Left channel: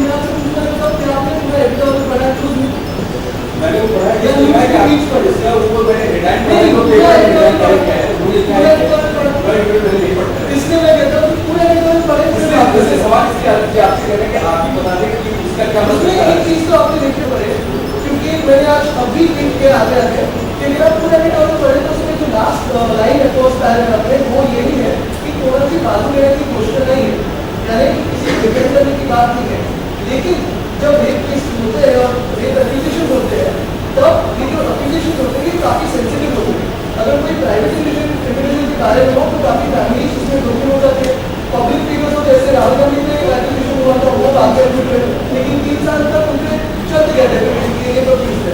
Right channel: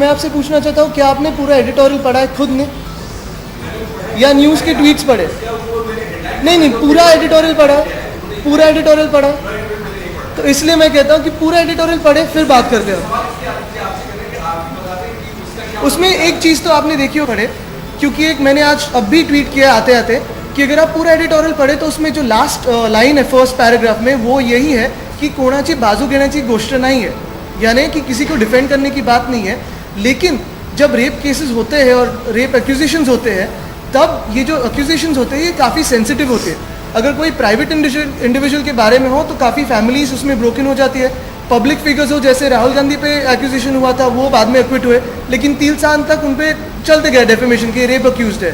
मैं आपसे पूछना चाहता हूँ, क्या आपने पूरा एडिटोरियल पढ़ा है खुद ने, या न्यूज़ के ट्वीट्स पढ़े? नहीं, पूरा एडिटोरियल पढ़ा, पूरा एडिटोरियल पढ़ा। तो इसलिए मैं कहता हूँ कि पूरा एडिटोरियल पढ़े फिर बात करते हैं। उसमें एक चीज़ तो आपने देखी हो खड़े, क्योंकि एक मैंने आज अब भी ट्वीट किया आते आते कि अगर आप पूरा एडिटोरियल पढ़े तो उसमें जो लास्ट लाइन है फर्स्ट पैराग्राफ में, वो यही है कि कोणाची बाजू घेण्याची गोष्ट नहीं है, यानी कि किसी को डिफेंड करने की बात नहीं है। लेकिन जब रेप केसेस होते हैं और रेप एक्यूजेशंस होते हैं, तब ये जो एक्यूजेशंस होते हैं ये काफ़ी सेंसिटिव होते हैं। अगर कोई प्राइवेट इंडिविजुअल के बारे में हो तो काफ़ी फैमिलीज उसमें ब्रोकन हो जाती है। पब्लिक फिगर्स हो, जैसे राहुल गांधी पे एक्यूजेशन हुआ था, वो बाद में एक्विट हुए, लेकिन 3 साल तक उन पर चलते गए डेफेमेशन की, रेप अक्यूज है।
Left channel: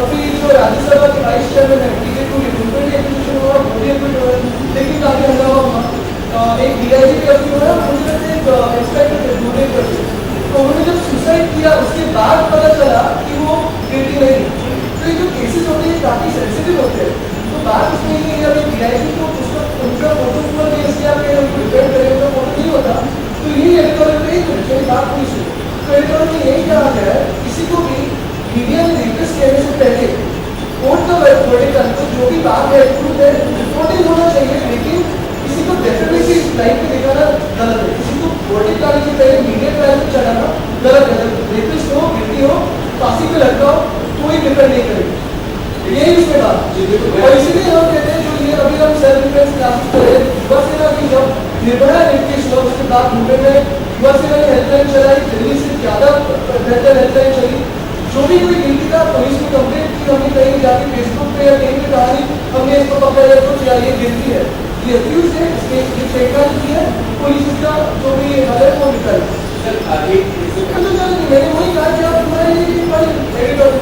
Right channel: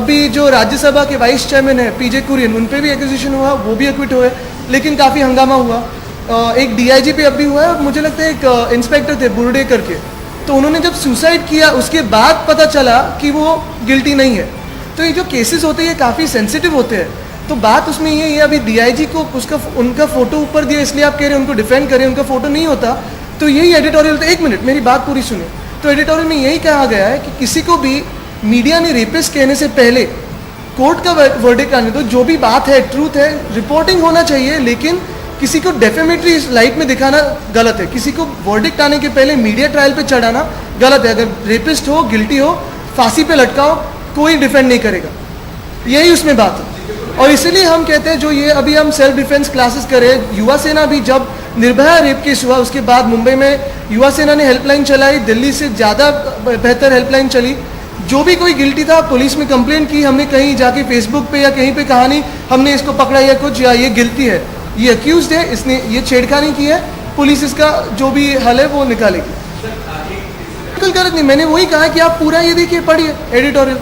अभी जो राज्यसभा के वाइस चेयरमैन है पीजे कुरियन, उन पर भी एक्यूजेशन हुआ, वो भी एक्विट हुए, लेकिन काफ़ी हंगामा हुआ। एक डीआईजी पे अभी हुआ है, मुझे लगता है एक इंस्पेक्टर थे बुर्डे करके, तो उन्होंने जब सुसाइड किया उसके बाद पता चला कि वो गिल्टी नहीं है। तो ये जो केसेस होते हैं ये काफ़ी सेंसिटिव होते हैं। तो बात उसमें ये है, अभी डीआईजी को उनका फोटो ऊपर दिया इसलिए आप कह रहे हैं उनको डिफेंड करें, उनका फोटो नहीं होता तो यही एडिटोरियल। एक मिनट मेरी बात पूरी सुनिए। तो एडिटोरियल में यही कहा गया है कि किसी को भी मीडिया ने रेपिस्ट कहने से पहले कोर्ट का वर्डिक्ट आने को, जो भी बात है ट्रूथ है, रिपोर्टिंग होना चाहिए, लेकिन किसी को डेफेमेटरी लाइट में दिखाना गलत है। किसी को वर्डिक्ट आने के पहले मीडिया ट्रायल पे चढ़ाना गलत है। अगर रेपिस्ट हो, गिल्टी हो, फांसी पे लटकाओ, कोई डिफेंड नहीं करेगा, यही उसमें बात। और इसीलिए हम कहते हैं जो ये अभी हम सेल्फ डिफेंस क्लासेस करें, युवा सेना भी जब निर्भया रेप केस हुआ उसके बाद मुंबई में युवा सेना ने हेल्पलाइन चलाई, दिल्ली से ज़्यादा बेहतर हेल्पलाइन चली। जो भी कोई गिल्टी था पुलिस में कंप्लेंट की, हमने कहीं जाके फेसबुक पे या कहीं पे कहा नहीं हमने इसको पकड़ा या कुछ, या ये गिल्टी है, ये अक्यूज है, इसने ये छेड़खानी की है, पुलिस इसका जो भी हल है वो निकाली। गलत नहीं, मैंने वही कहा कि आप पूरा ये देखिए, पढ़िए एडिटोरियल।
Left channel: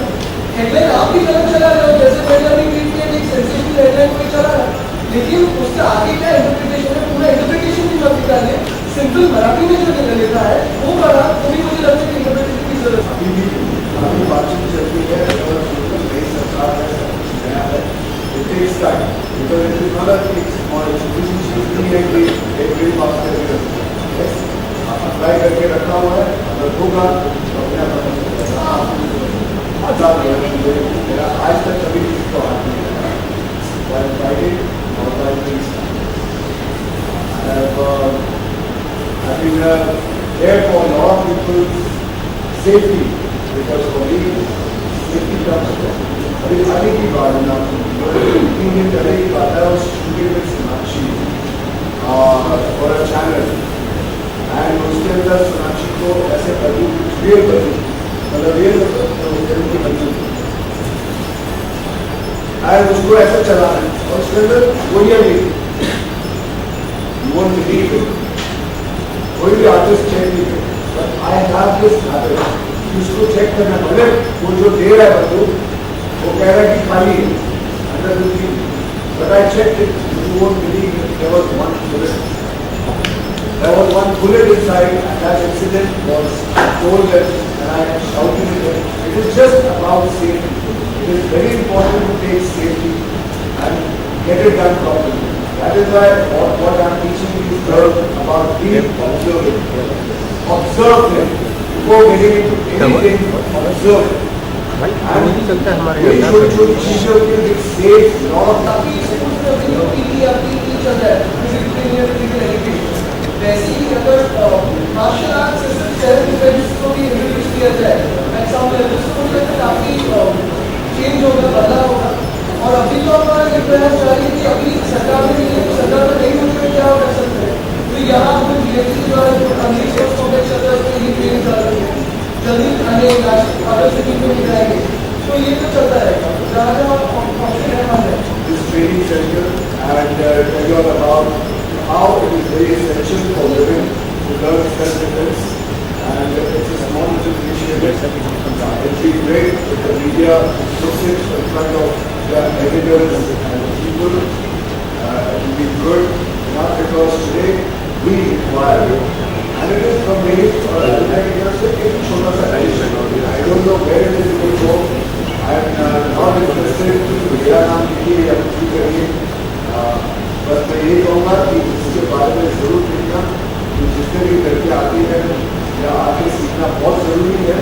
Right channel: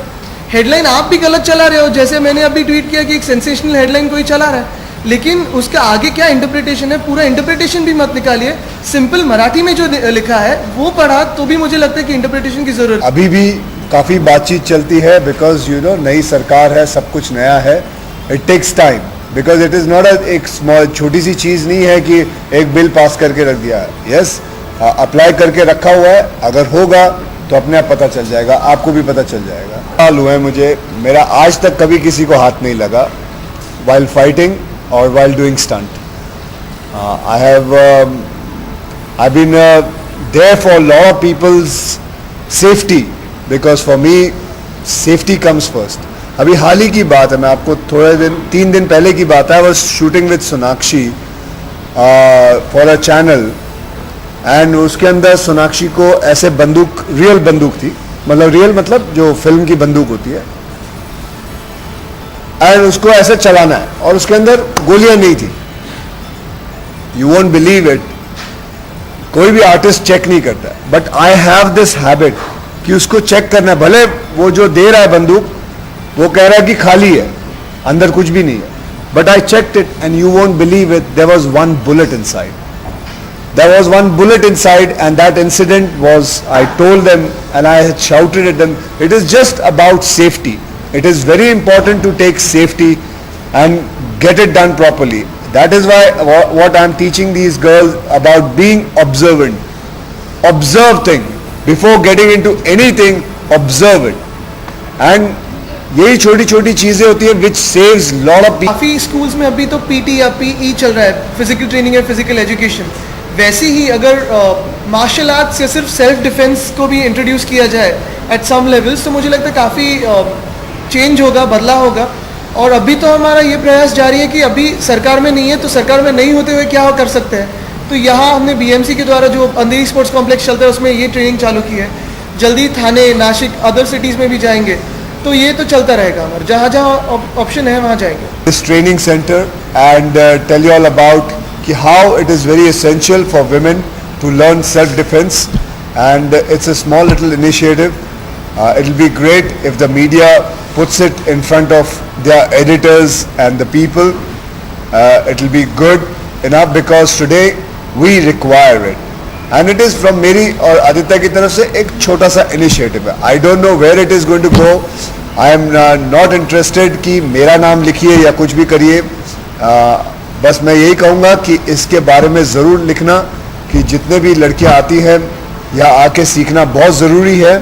हेडलाइन आप भी गलत चला रहे हो, जैसे मैंने अभी ट्वीट किया कि एक सेंसेशनल हेडलाइन कोई चला रहा है, लेकिन उसका आगे क्या इंटरप्रिटेशन है, पूरा इंटरप्रिटेशन भी मत निकालिए। सिंपल मराठी में जो लिखा है वो पढ़ा तो भी मुझे लगता है कि इंटरप्रिटेशन की जरूरत। अभी भी काफ़ी बातचीत चलती है, बिकॉज नई सरकार है, सब कुछ नया है। It takes time, because it is not एक स्मॉल छोटी सी चीज़ नहीं है कि एक बिल पास करके रख दिया है। यस, अप्लाई करके रखा हुआ है, अगर होगा तो अपने आप पता चल जाएगा, आपको भी पता चल जाएगा। साल हुए मुझे, मेरा आज तक कभी किसी को हाथ नहीं लगा while fighting or while doing stunt. I've been there for a lot of people's safety, because for me safety comes first. अभी हाल ही की बात है, मैं आपको 3 दिन पहले की बात है। I was shooting with Sonakshi for a channel, and उसके अंदर सोनाक्षी को ऐसे बंदूक, रियल बंदूक थी, मतलब रियल मतलब जो फिल्म की बंदूक होती है, एंड उसको ऐसे चलाना है और उसके अंदर गोलियां नहीं थी। यू वोंट बिलीव इट, कोई भी आर्टिस्ट चेक नहीं करता, but I have this habit कि उसको चेक करना है। भले वो जो दे रहा है बंदूक वो कह रहा है कि खाली है, अंदर कुछ भी नहीं है, but I checked it and you won't believe it, there was one bullet inside. There was one bullet inside, and that incident was, I told them and I had shouted at them, it is just about safety. It is very important to take safety and get it done properly. That is why what I am teaching these girls about being observant. Observe things. Before getting into anything, observe it. And ये छोटी छोटी चीज़ें होती है which saves lot of people. काफ़ी schools में अभी तो पीटी या पीई चल रहा है, फिजिकल ट्रेनिंग या फिजिकल एजुकेशन। वैसे ही अगर मार्शल आर्ट से सिर्फ सेल्फ डिफेंस को भी इंट्रोड्यूस किया जाए एट सम लेवल्स, तो मुझे लगता है काफ़ी चेंज होगा, बदलाव होगा। और अभी तो हमारा ये प्रयास जारी है कि अभी सरकार में नहीं है तो सरकार में नहीं होते हुए क्या कर सकते हैं। तो यहाँ हमने बीएमसी के द्वारा जो अंधेरी स्पोर्ट्स कॉम्प्लेक्स चलता है उसमें ये ट्रेनिंग चालू की है। जल्दी थाने, नासिक, अदर सिटीज़ में भी जाएंगे, तो ये तो चलता रहेगा, जहाँ जहाँ ऑप्शन है वहाँ जाएंगे। This training center and tell you all about how it is very essential for women to learn self-defense, and it's a small little initiative. It will be great if the media puts it in front of their editors and the people. It will be good enough because today we require it, and it is from मेरी और आदित्य की तरफ से एक छोटा सा initiative है. I don't know where it is going to go. I am not interested कि मेरा नाम लिखिए या कुछ भी करिए. बस मैं यही कहूँगा कि इसके बारे में ज़रूर लिखना कि जितने भी लड़कियाँ आती हैं यहाँ आके सीखना बहुत ज़रूरी है.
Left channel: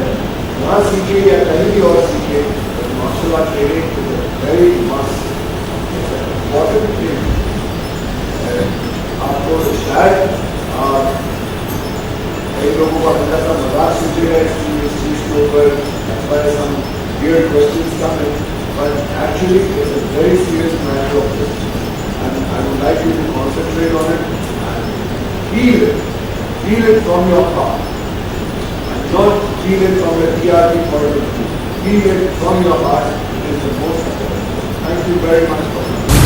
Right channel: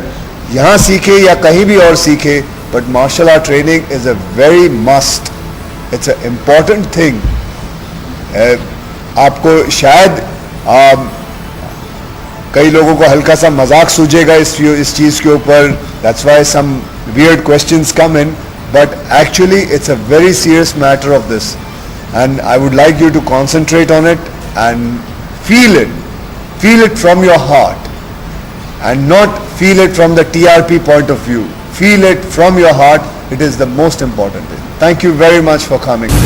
यहाँ सीखे या कहीं भी और सीखे, but martial art training is a very must. It's a important thing. आपको शायद कई लोगों को हल्का सा मजाक सूझेगा इस चीज़ के ऊपर. That's why some weird questions come in, but actually it's a very serious matter of this, and I would like you to concentrate on it and feel it from your heart, and not feel it from the TRP point of view. Feel it from your heart. It is the most important. Thank you very much for coming.